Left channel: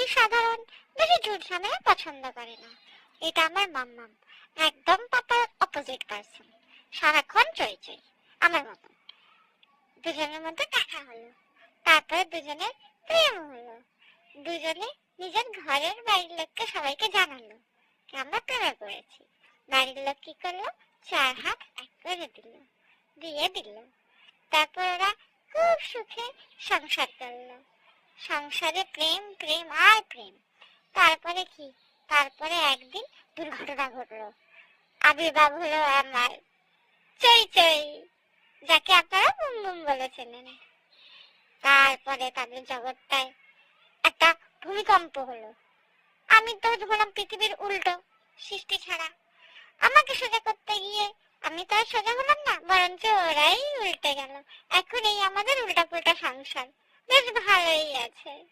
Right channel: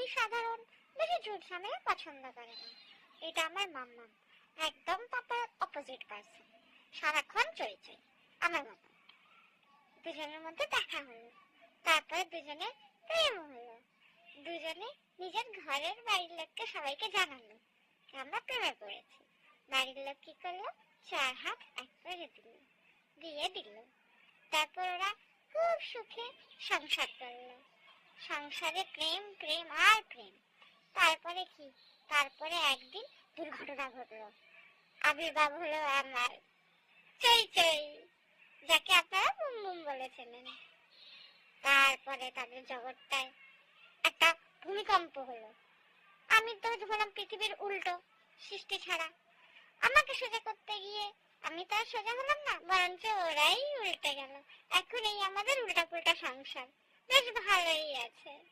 খুবই সাধারণ, বেশি ঝুট ঝামেলা পছন্দ করে না। এটা আমার মাম্মাম, একদম পাপার অপোজিট পার্সন, সারাক্ষণ চই চই আমার মতন। দুজনের মধ্যে দেখা হলো, তারপরে দুজনের প্রেম হলো। দুজনে নিজের ঘরের বাড়ির লোককে সবাইকে জানালো যে আমরা প্রেমে পড়েছি। বাড়ির লোক কি করলো, 4 হাত এক করে দিয়ে দিল। তারপর ওরা খুব সুখে সংসার করলো। সংসারে প্রেম প্রেম আর প্রেম। তারপরে কি, তারপরে একদিন দুর্ঘটনা ঘটলো, আবির্ভাব হলো আমার চই চই, যাকে আপনারা বুম বুম বলেছিলেন। তারপরে তাদের জগৎটায় একটা ভূমিকম্প হলো। আমি তো হলাম পৃথিবীর উল্টো, সৃষ্টি ছাড়া। আমাকে সোজা করতে গিয়ে আমি তো আর সোজা হলাম না, বরঞ্চ ওরাই উল্টে গেল। এখন এই আমাদের উল্টা পুল্টা সংসার, বেশ ভালোই আছে।